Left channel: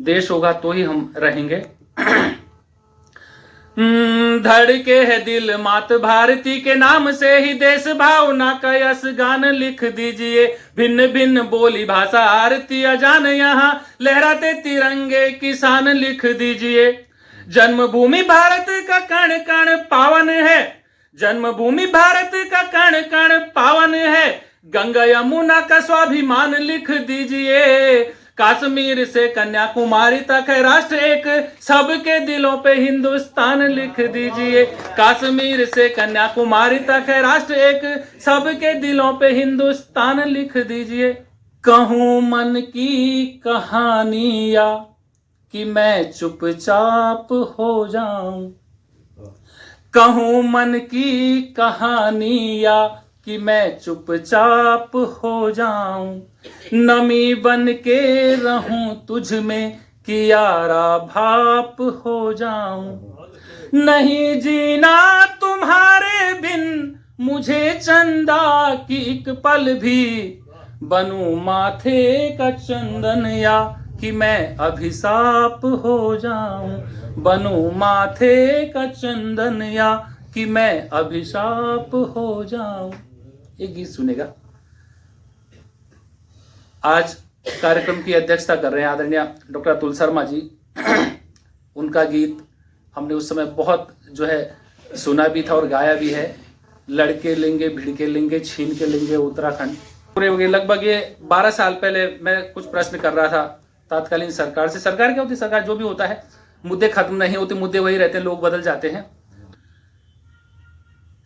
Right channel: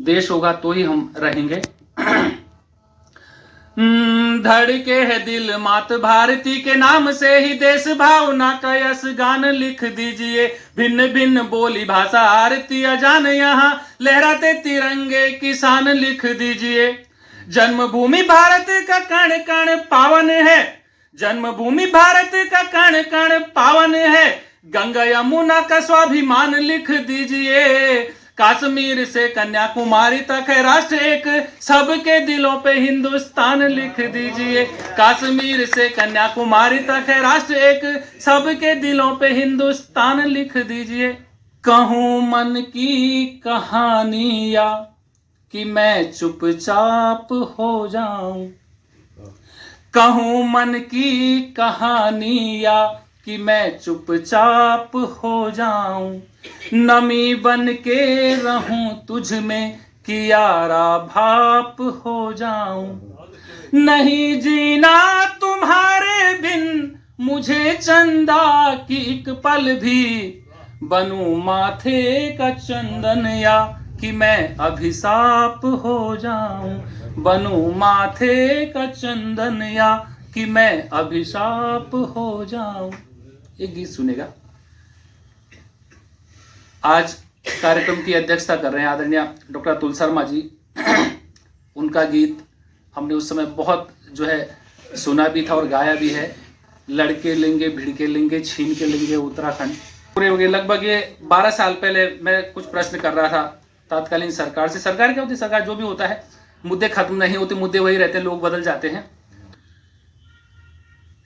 देश होगा तो ही हम रहेंगे। धड़के है दिल मात भारती के नाम से ही देश भावना का यश गान लिख दीजिए। भिन्न भिन्न बोली भाषा आरती अजान यहाँ लहराते तिरंगे किसान लिख दीजिए। जन्मभूमि भारत का कण कण पावन है, जन्मभूमि भारत का कण कण पावन है। गंगा यमुना का स्वाभिमान लिख दीजिए। कश्मीर से कन्याकुमारी तक है राष्ट्र एक, सबके दिलों पे हिंदुस्तान लिख दीजिए। कश्मीर से कन्याकुमारी तक है राष्ट्र एक, सबके दिलों पे हिंदुस्तान लिख दीजिए। कहूं मन की कहानियां कि मैं चुपचाप हो जाऊं, कहूं मन की कहानियां कि मैं चुपचाप हो जाऊं। नमी बन के रहूं तुझ में कि यारा भाप हो जाऊं। नहीं जीना तुम्हारे बिन मुझे चंदा की एक पल भी, बनूं माथे का चंदन या कि मैं अभिशाप हो जाऊं। बनूं माथे का चंदन या कि मैं अभिशाप हो जाऊं। एक गीत सुनेगा। आज कार्यक्रम की अध्यक्षता कर रहे हैं आदरणीय डॉक्टर अतुल शर्मा जी। उनका गीत हमने उस समय बहुत जो है सुना भी था और गाया भी है। लड़के लेंगे भिड़के लेंगे छीन के लेंगे उत्तराखंड। पूरे हो गए लगभग ये 12 साल पहले मैं कुछ प्रश्न कर रहा था तत्कालीन सरकार से। सरकार क्या होती है, सरकार जो भी होता है, मुद्दे खत्म नहीं होते, मुद्दे वही रहते हैं, लोग बदल जाते हैं।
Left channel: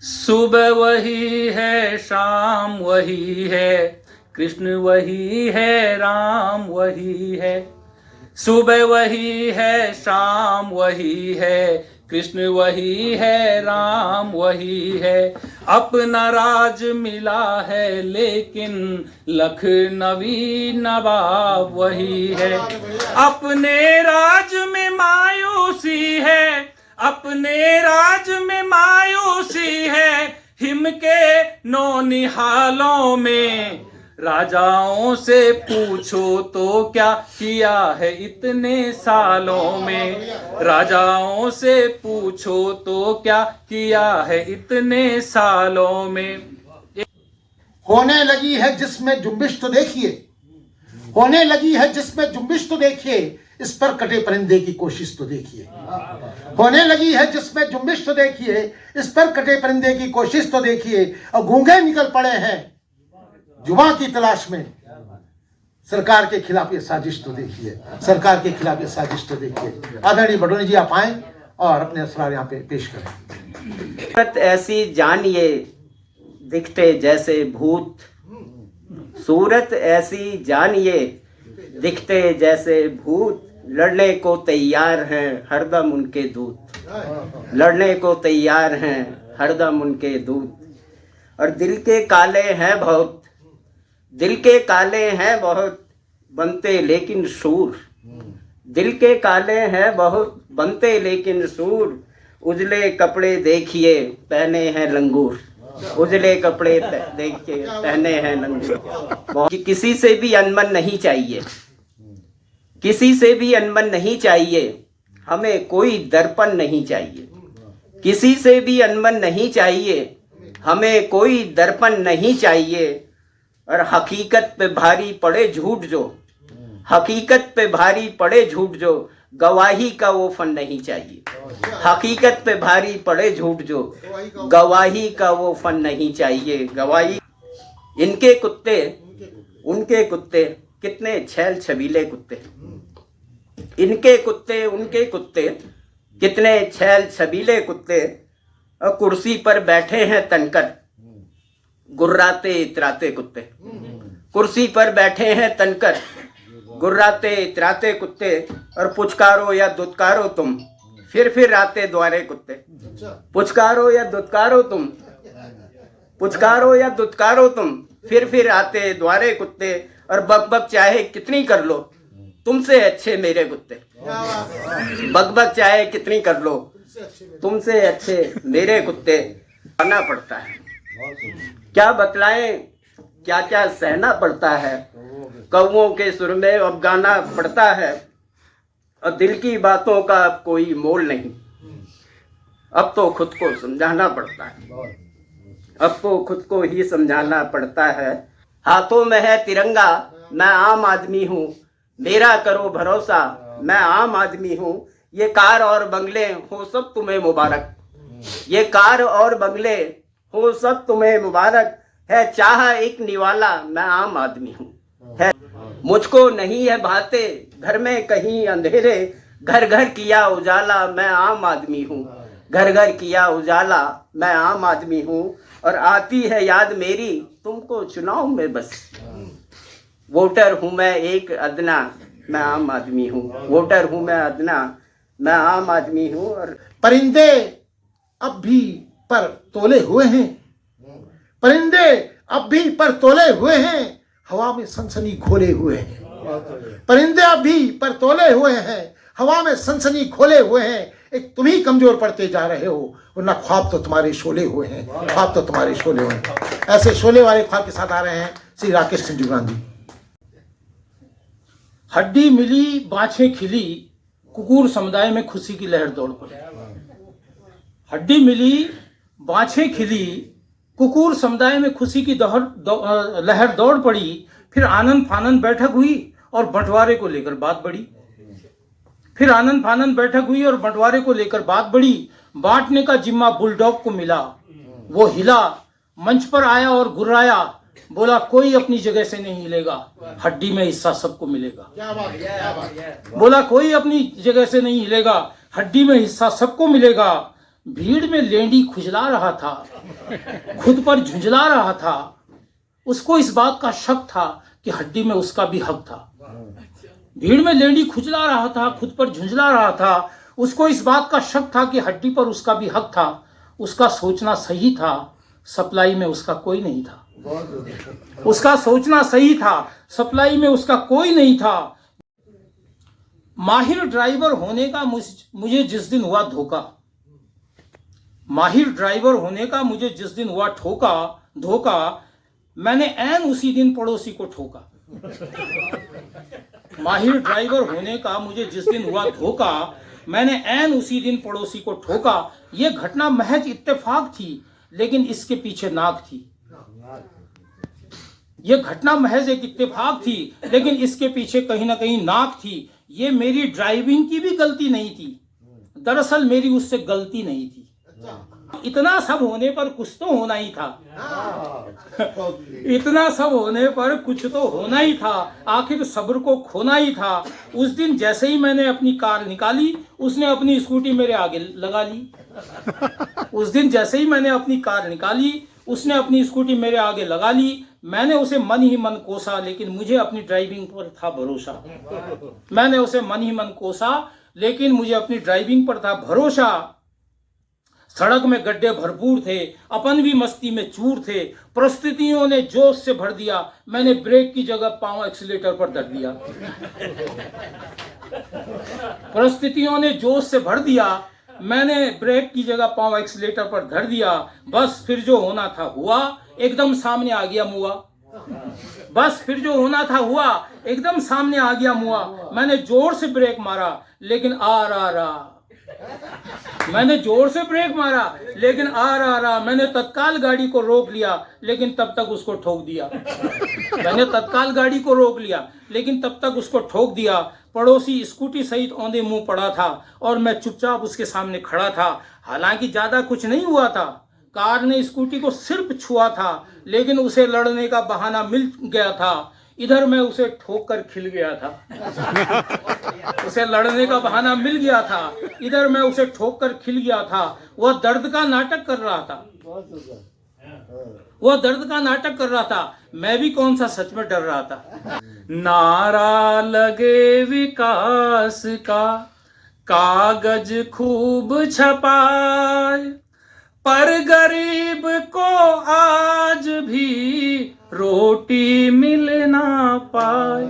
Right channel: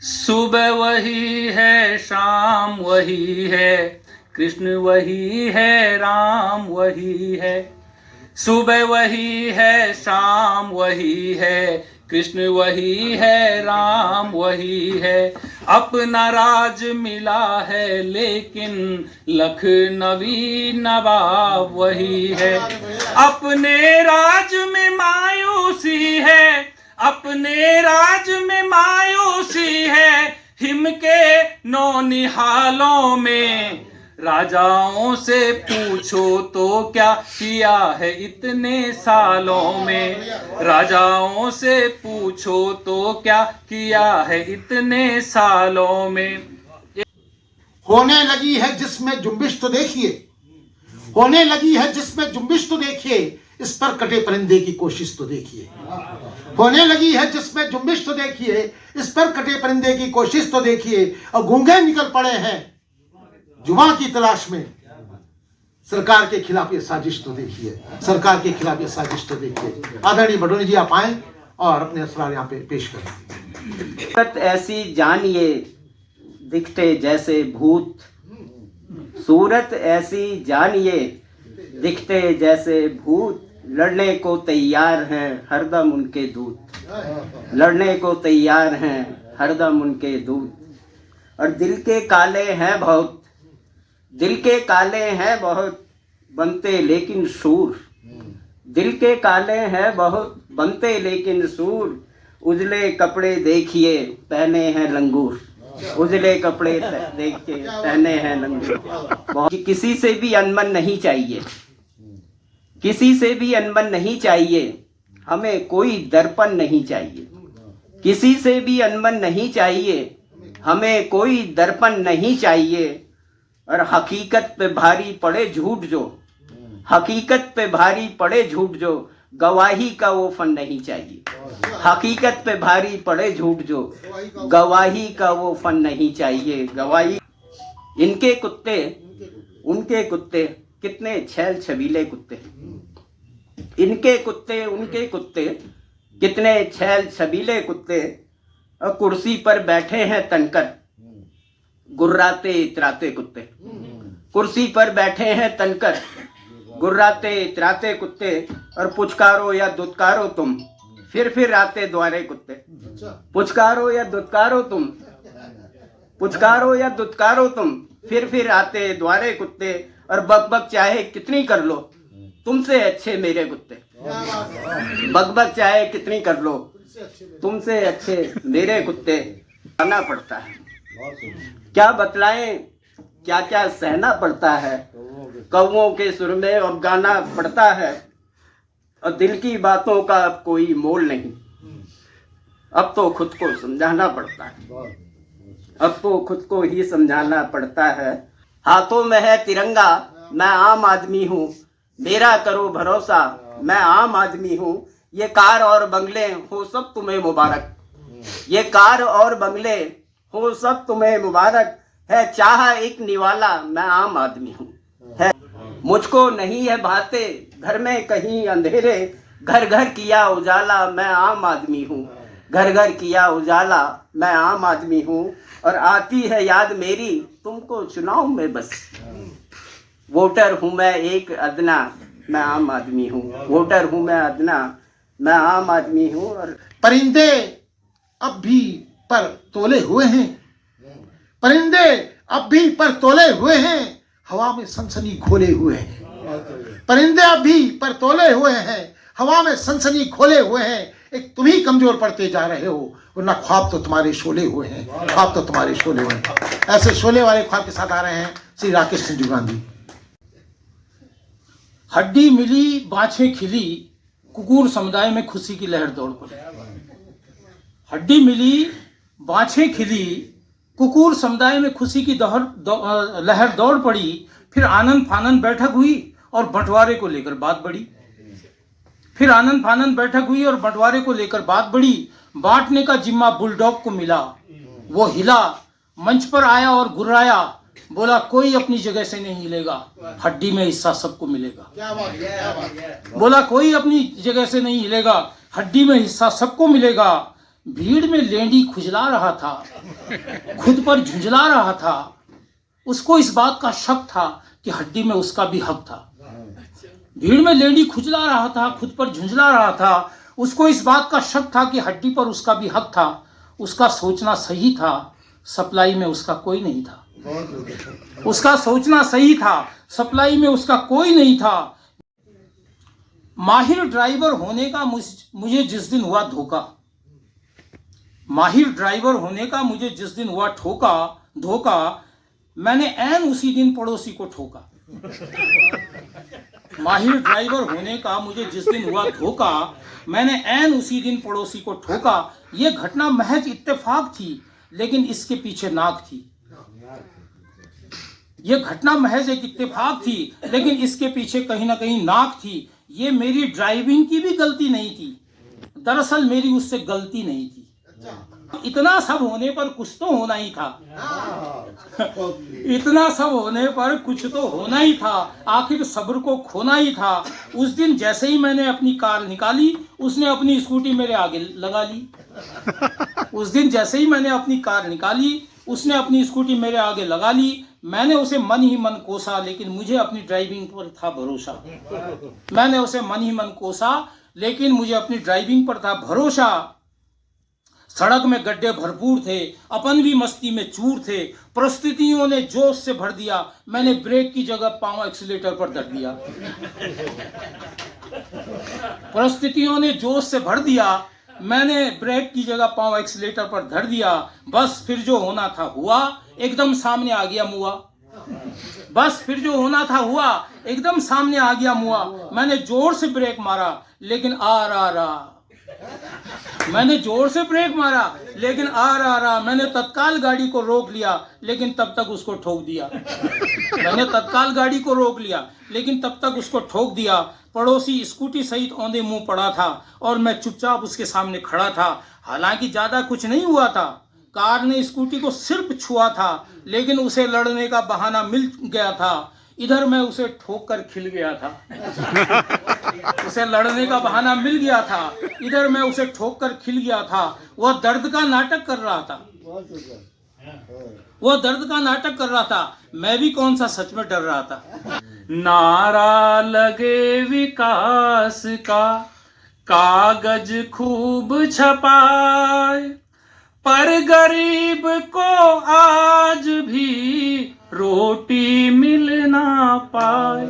सुबह वही है शाम वही है, कृष्ण वही है राम वही है। सुबह वही है शाम वही है, कृष्ण वही है राम वही है। अपना राज मिला है लेकिन लखनवी नवाब वही है। अपने राज में मायूसी है, अपने राज में मायूसी है। हिम के नौनिहालों में राजाओं से पूछो तो क्या किया है इतने सालों में। राजाओं से पूछो तो क्या किया है इतने सालों में। होने लगी है जिसमें जुम्बिश तो देखिए, होने लगी है जिसमें जुम्बिश तो देखिए, इस पर कटे परिंदे की कोशिश तो देखिए। होने लगी है जिसमें जुम्बिश तो देखिए, इस पर कटे परिंदे की कोशिश तो देखिए। और गूंगे निकल पड़े हैं जुबां की तलाश में, सरकार के खिलाफ ये साजिश तो देखिए, सरकार के खिलाफ ये साजिश तो देखिए। आदरणीय बडोनी जी आप आए और अपने सवाल यहाँ पे पेश करें। सूरत ऐसी जानिए दिखते जैसे भूत, सूरत ऐसी जानिए दिखते जैसे भूत। लड़ने को तैयार हैं हरदम उनके दूत, लड़ने को तैयार हैं हरदम उनके दूत। और दिल के काले हैं बहुत, दिल के काले हैं बहुत, बनते लेकिन सूर। दिल के काले हैं बहुत, बनते लेकिन सूर। उजले कपड़े देखिए पहने हैं लंगूर, उजले कपड़े देख के पहने हैं लंगूर। किसी से भी अनबन नहीं चाहिए, किसी से भी अनबन नहीं चाहिए। हमें कोई दर्पण नहीं चाहिए, किसी से भी अनबन नहीं चाहिए। हमें कोई दर्पण नहीं चाहिए। और हकीकत पे भारी पड़े झूठ जो, हकीकत पे भारी पड़े झूठ जो, गवाही का वो फन नहीं चाहिए। हकीकत पे भारी पड़े झूठ जो, गवाही का वो फन नहीं चाहिए। गवाही इनके कुत्ते, उनके कुत्ते, कितने छैल छबीले कुत्ते। इनके कुत्ते उनके कुत्ते, कितने छैल छबीले कुत्ते। और कुर्सी पर बैठे हैं तनकर, गुर्राते इतराते कुत्ते। कुर्सी पर बैठे हैं तनकर, गुर्राते इतराते कुत्ते। और पुचकारो या दुत्कारो तुम, फिर आते द्वारे कुत्ते। पुचकारो या दुत्कारो तुम, पुचकारो या दुत्कारो तुम, फिर आते द्वारे कुत्ते। और बकबक चाहे कितनी कर लो, तुमसे अच्छे मेरे कुत्ते। बकबक चाहे कितनी कर लो, तुमसे अच्छे मेरे कुत्ते। आना पड़ता है, क्या बतलाएं क्या क्या सहना पड़ता है। कौवों के सुर में अब गाना पड़ता है, और दिल की बातों का अब कोई मोल नहीं। अब तो खुद को समझाना पड़ता है, अब तो खुद को ही समझाना पड़ता है। हाथों में है तिरंगा, मैं आम आदमी हूँ, मेरा करो भरोसा, मैं आम आदमी हूँ। ये कार और बंगले हो सब तुम्हें मुबारक, ये कार और बंगले हो सब तुम्हें मुबारक। है चाह एक निवाला, मैं आम आदमी हूँ। है मुझको नहीं है भाते घर में कहीं अंधेरे, घर घर किया उजाला, मैं आम आदमी हूँ। घर घर किया उजाला, मैं आम आदमी हूँ। और आती है याद मेरी तुमको चुनाव में बस, वोटर हूँ मैं एक अदना, मैं आम आदमी हूँ। वोटर हूँ मैं अदना, मैं आम आदमी हूँ। और परिंदे अब भी पर तोले हुए हैं, परिंदे अब भी पर तोले हुए हैं, हवा में सनसनी खोले हुए हैं। परिंदे अब भी पर तोले हुए हैं, हवा में सनसनी खोले हुए हैं। एक तुम ही कमजोर पड़ते जा रहे हो, वरना ख्वाब तो तुम्हारे शोले हुए हैं, ख्वाब तो तुम्हारे शोले हुए हैं। ऐसे शोले वाले ख्वाब के साथ आ रहे हैं श्री राकेश संजू गांधी। हड्डी मिली बाछें खिली, कुकुर समुदाय में खुशी की लहर दौड़ पड़ी। हड्डी मिली बाछें खिली, कुकुर समुदाय में खुशी की लहर दौड़ पड़ी। फिर आनंद फानंद बैठक हुई और बंटवारे को लेकर बात बढ़ी। फिर आनंद फानंद बैठक हुई और बंटवारे को लेकर बात बढ़ी। बांटने का जिम्मा बुलडॉग को मिला, वो हिला, मंच पर आया और गुर्राया, बोला कोई अपनी जगह से नहीं हिलेगा, हड्डी में हिस्सा सबको मिलेगा। क्या बात है, क्या बात है। बोला कोई अपनी जगह से नहीं हिलेगा, हड्डी में हिस्सा सबको मिलेगा। भीड़ में लेंडी खुजला रहा था, खुद पर झुंझला रहा था। उसको इस बात का शक था कि हड्डी में उसका भी हक था। भीड़ में लेंडी खुजला रहा था, खुद पर झुंझला रहा था। उसको इस बात का शक था कि हड्डी पर उसका भी हक था। उसका सोचना सही था, सप्लाई में उसका कोई नहीं था। उसका सोचना सही था, सप्लाई में उसका कोई नहीं था। माहिर ड्राइवर होने का मुझे जिस दिन हुआ धोखा, माहिर ड्राइवर होने का मुझे जिस दिन हुआ धोखा, मैंने ऐन उसी दिन पड़ोसी को ठोका। माहिर ड्राइवर होने का मुझे जिस दिन हुआ धोखा, मैंने ऐन उसी दिन पड़ोसी को ठोका। यह घटना महज इत्तेफाक थी, लेकिन इसके पीछे नाक थी। यह घटना महज एक इत्तेफाक थी, लेकिन इसके पीछे कहीं ना कहीं नाक थी। ये मेरी ड्राइविंग की भी गलती नहीं थी, दरअसल मेरी उससे गलती नहीं थी। इतना सब होने पर कुछ तो होना ही था। इतना सब होने पर कुछ तो होना ही था, आखिर सब्र को खोना ही था। उस दिन जैसे ही मैंने अपनी कार निकाली, उसने अपनी स्कूटी मेरे आगे लगा ली। उस दिन जैसे ही मैंने अपनी कार निकाली, उसने अपनी स्कूटी मेरे आगे लगा ली। मैंने उसे मन ही मन कोसा, लेकिन मुझे अपनी ड्राइविंग पर था भरोसा। मैंने उसे मन ही मन कोसा, लेकिन मुझे अपनी ड्राइविंग पर था भरोसा। सड़क में गड्ढे भरपूर थे, अपन भी मस्ती में चूर थे। परिस्थितियों ने जोश से भर दिया, मैंने ब्रेक की जगह पांव एक्सीलेटर पर धर दिया। परिस्थितियों ने जोश से भर दिया, मैंने ब्रेक की जगह पांव एक्सीलेटर पर धर दिया। बस फिर जो होना था हुआ, एकदम सामने आ गया मुआ। बस फिर जो होना था हुआ, एकदम सामने आ गया मुआ। मैंने जोर से ब्रेक मारा, लेकिन मैंने जोर से ब्रेक मारा, लेकिन मैंने तत्काल गाड़ी को रोक लिया, लेकिन तब तक उसको ठोक दिया। मैंने तत्काल गाड़ी को रोक लिया, लेकिन तब तक उसको ठोक दिया। पड़ोसी स्कूटी सहित औंधे मुंह पड़ा था और मैं चुपचाप उसके सामने खड़ा था। हालांकि ज्यादा कुछ नहीं हुआ था, कार ने स्कूटी को सिर्फ छुआ था, लेकिन उसे लड़ने का बहाना मिल गया था। इधर मैं उसे ठोक कर खिल गया था। उसे लड़ने का बहाना मिल गया था, इधर मैं उसे ठोक कर खिल गया था। वह दर्द का नाटक कर रहा था, वह दर्द का नाटक कर रहा था। मैं भी कौन सा सच में डर रहा था। नारा लगे विकास का, कागज खूब छपाए, पर गरीब को आज भी रोटी मिल ना पाए।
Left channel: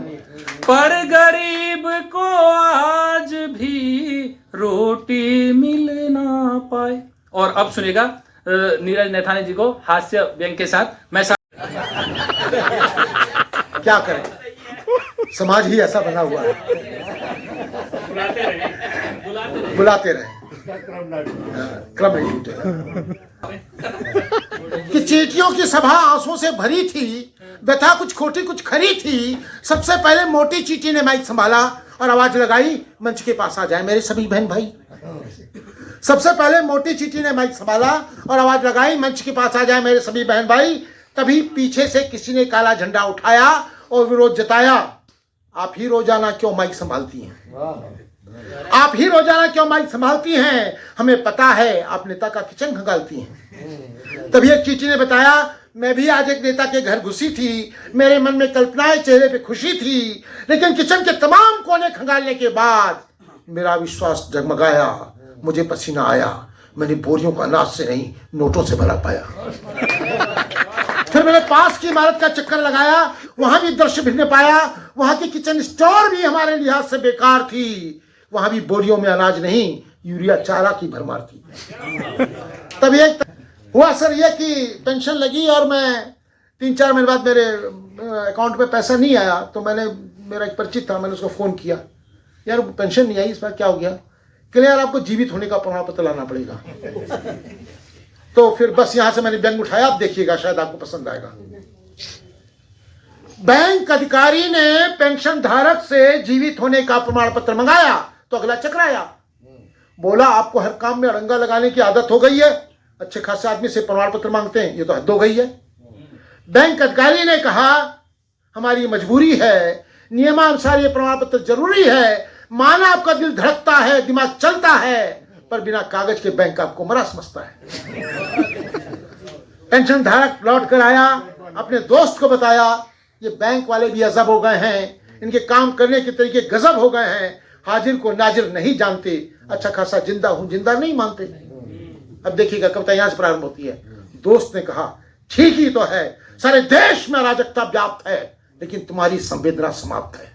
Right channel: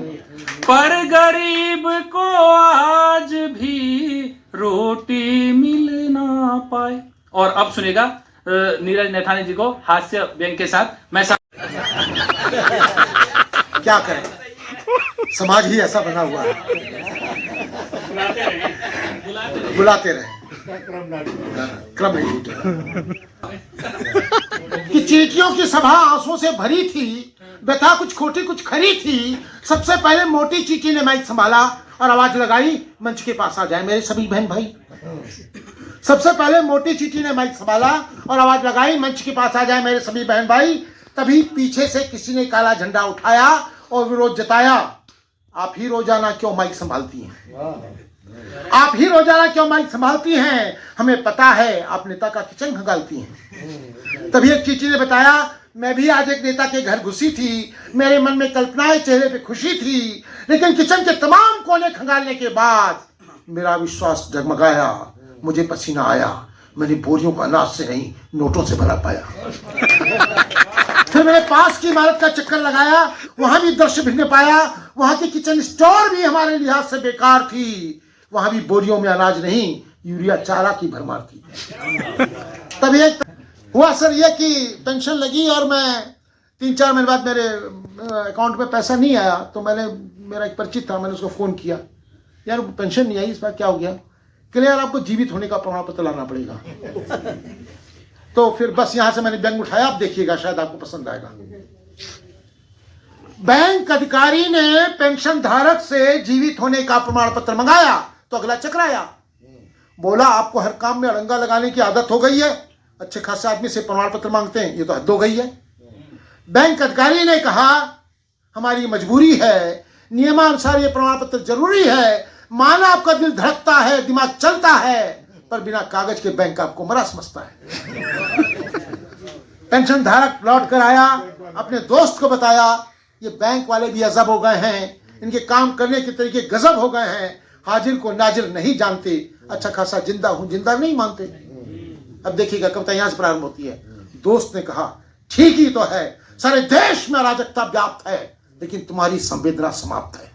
पर गरीब को आज भी रोटी मिल ना पाए। और अब सुनिएगा नीरज नैथानी जी को हास्य व्यंग के साथ। मैं क्या करें, समाज ही ऐसा बना हुआ है। बुलाते रहे, क्रम नहीं टूटे। कि चींटियों की सभा आंसुओं से भरी थी, व्यथा कुछ खोटी कुछ खरी थी। सबसे पहले मोटी चींटी ने माइक संभाला और आवाज लगाई, मंच के पास आ जाए मेरे सभी बहन भाई। सबसे पहले मोटी चींटी ने माइक संभाला और आवाज लगाई, मंच के पास आ जाए मेरे सभी बहन भाई। तभी पीछे से किसी ने काला झंडा उठाया और विरोध जताया, आप ही रोजाना क्यों माइक संभालती हैं? आप ही रोजाना क्यों माइक संभालती हैं? हमें पता है आप नेता का किचन खंगालती हैं। तभी एक चींटी ने बताया, मैं भी आज एक नेता के घर घुसी थी, मेरे मन में कल्पनाएं, चेहरे पे खुशी थी, लेकिन किचन के तमाम कोने खंगालने के बाद मेरा विश्वास डगमगाया, मुझे पसीना आया, मैंने बोरियों का अनाज से नहीं नोटों से भरा पाया। फिर मैंने पास की इमारत का चक्कर लगाया, वहां भी दृश्य भिन्न पाया। वहां की किचन स्टोर भी हमारे लिहाज से बेकार थी, वहां भी बोरियों में अनाज नहीं यूरिया चारा की भरमार थी। तब एक हुआ सर ये कि पेंशन लगी और मैं 3-4 महीने बाद मेरे अकाउंट में पैसा नहीं आया, तो मैंने, मेरा एक परिचित था, मैंने उसको फोन किया, यार पेंशन नहीं आई, इस बार क्या हो गया? कि यार आपको जीवित होने का प्रमाण पत्र लाना पड़ेगा। तो फिर बस यहां से मैंने बैंक उठाया, आप देखिएगा शायद आपको पसंद आएगा। बैंक अधिकारी ने पेंशन धारक से जीवित होने का प्रमाण पत्र मंगाया तो अगला चकराया, बोला आपको हर काम में अड़ंगा लगाने की आदत हो गई है, अच्छे खासे आदमी से प्रमाण पत्र मांगते हैं, ये तो हद हो गई है। बैंक अधिकारी ने कहा हमारी मजबूरी है, नियमानुसार ये प्रमाण पत्र जरूरी है, माना आपका दिल धड़कता है, दिमाग चलता है, पर बिना कागज के बैंक आपको मरा समझता है। पेंशन धारक लौट कर आया, अपने दोस्त को बताया, ये बैंक वाले भी अजब हो गए हैं, इनके काम करने के तरीके गजब हो गए हैं, हाजिर को नाजिर नहीं जानते, अच्छा खासा जिंदा हूं जिंदा नहीं मानते। अब देखिएगा कविता यहां से प्रारंभ होती है। दोस्त ने कहा ठीक ही तो है, सारे देश में अराजकता व्याप्त है, लेकिन तुम्हारी संवेदना समाप्त है।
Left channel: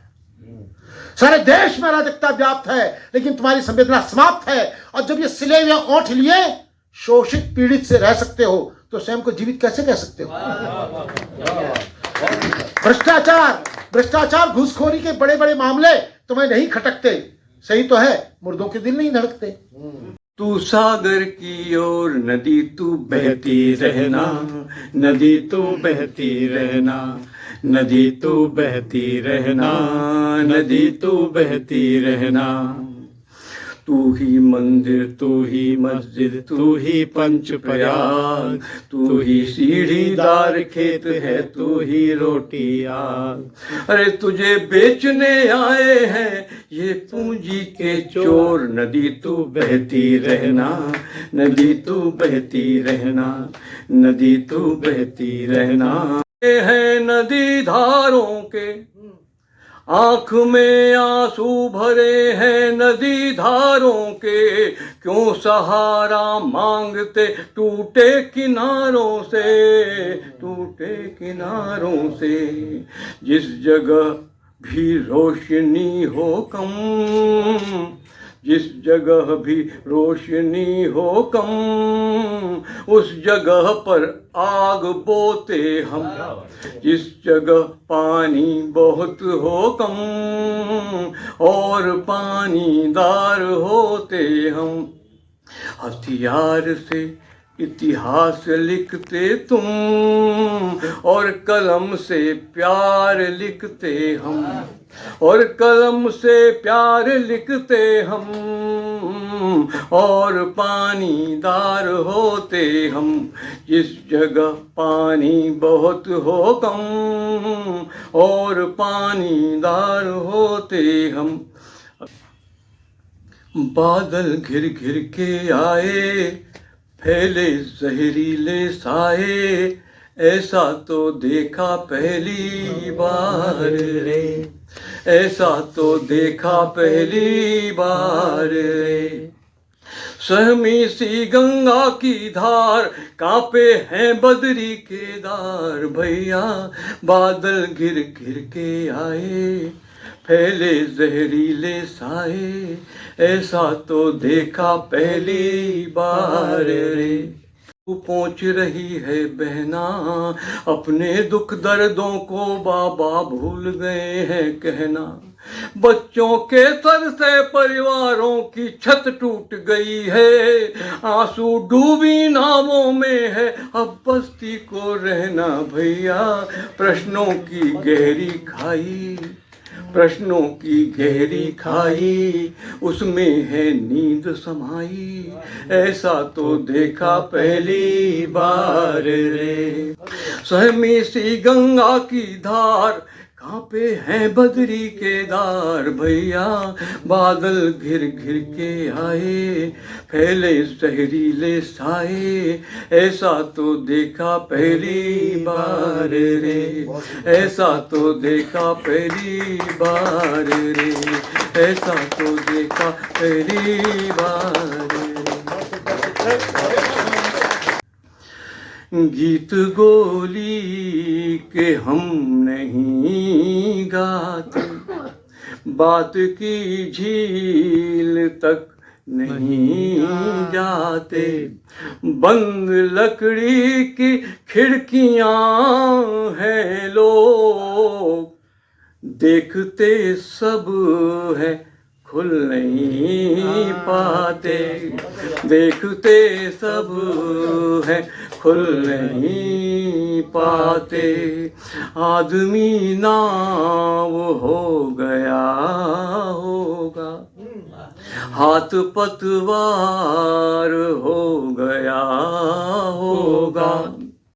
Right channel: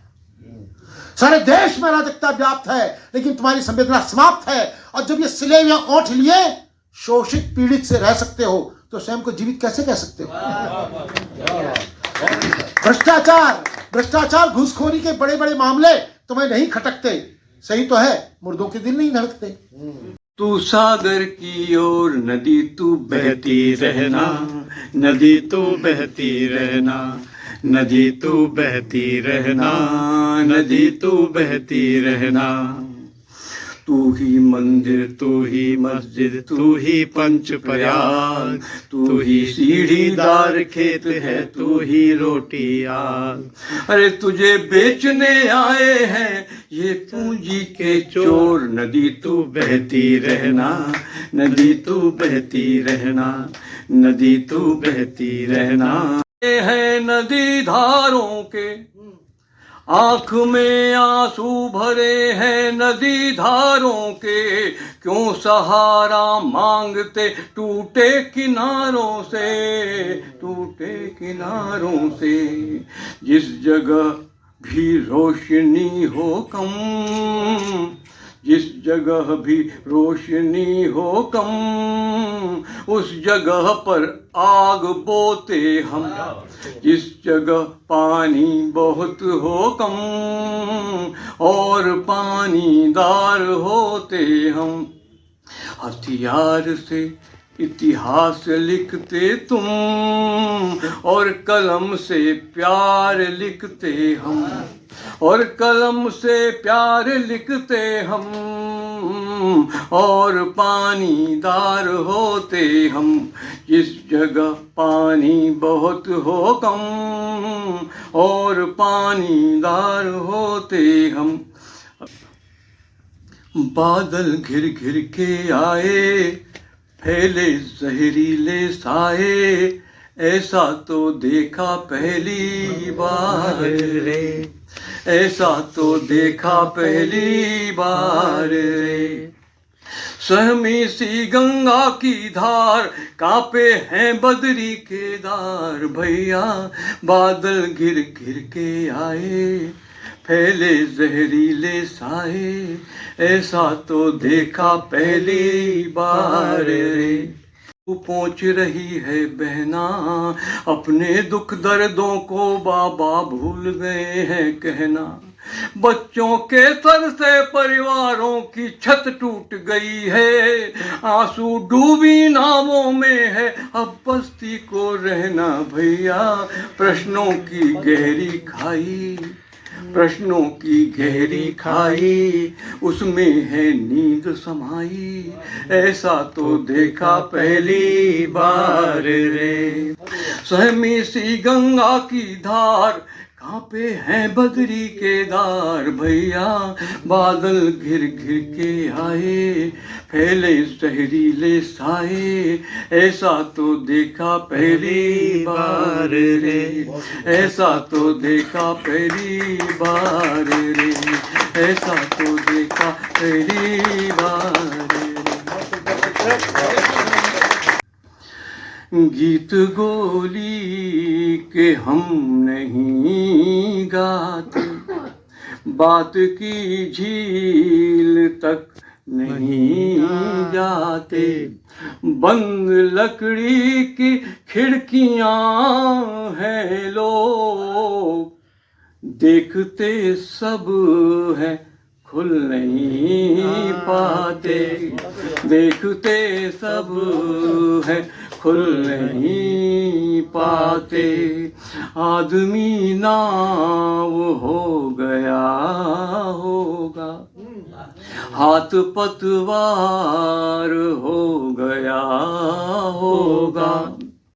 सारे देश में अराजकता व्याप्त है, लेकिन तुम्हारी संवेदना समाप्त है। और जब ये सिले हुए ओंठ लिए शोषित पीड़ित से रह सकते हो, तो स्वयं को जीवित कैसे कह सकते हो? भ्रष्टाचार, घूसखोरी के बड़े बड़े मामले तुम्हें नहीं खटकते, सही तो है, मुर्दों के दिल नहीं धड़कते। तू सागर की ओर नदी तू बहती रहना, नदी तू बहती रहना, नदी तू बहती रहना, नदी तू बहती रहना। तू ही मंदिर, तू ही मस्जिद, तू ही पंच प्रयाग, तू ही सीढ़ीदार खेत है, तू ही रोटी आग। अरे तुझे बेचने आए हैं ये पूंजी के चोर, नदी तू बहती रहना, नदी तू बहती रहना, नदी तू बहती रहना। ये है नदी धारों के आंख में आंसू भरे हैं, नदी धारों के क्यों सहारा मांगते टूटे किनारों से, टूटे किनारों से। जिस जगह भी रोशनी हो कम, जिस जगह भी रोशनी हो कम, उस जगह पर आग बोते हम। जिस जगह पानी बहुत हो कम और पानीदार होते हम। हथियार से इतिहास लिखते तुम और कलम से प्यार लिखते हम, और कलम से प्यार लिखते हम और पानीदार होते हम। जिस जगह पानी बहुत हो कम और पानीदार होते हम। बादल घिर घिर के आए, फैले जहरीले साए, ऐसा तो देखा पहली बार रे, ऐसा तो देखा पहली बार रे। सहमी सी गंगा की धार, कांपे हैं बदरी केदार। भैया बादल घिर घिर के आए, फैले जहरीले साए, ऐसा तो देखा पहली बार रे। तू पहुँच रही है बहना, अपने दुख दर्दों को बाबा भूल गए हैं कहना। बच्चों के सर से परिवारों की छत टूट गई है, आंसू डूबी नावों में है अब बस्ती को रहना भैया। प्रश्नों की गहरी खाई, प्रश्नों की गहरी खाई, उसमें है नींद समाई, ऐसा तो देखा पहली बार रे। सहमी सी गंगा की धार, कांपे हैं बदरी केदार भैया। बादल घिर घिर के आए, फैले जहरीले साए, ऐसा तो देखा पहली बार रे, ऐसा तो देखा पहली बार रे, ऐसा तो देखा पहली बार रे। गीत गोली के हम नहीं गाते, बात की झील तक नहीं जाते, बंद लकड़ी की खिड़कियां हैं लोग, देखते सब है खुल नहीं पाते, देखते सब है खुल नहीं पाते। आदमी नाव हो गया होगा, हाथ पतवार हो गया होगा,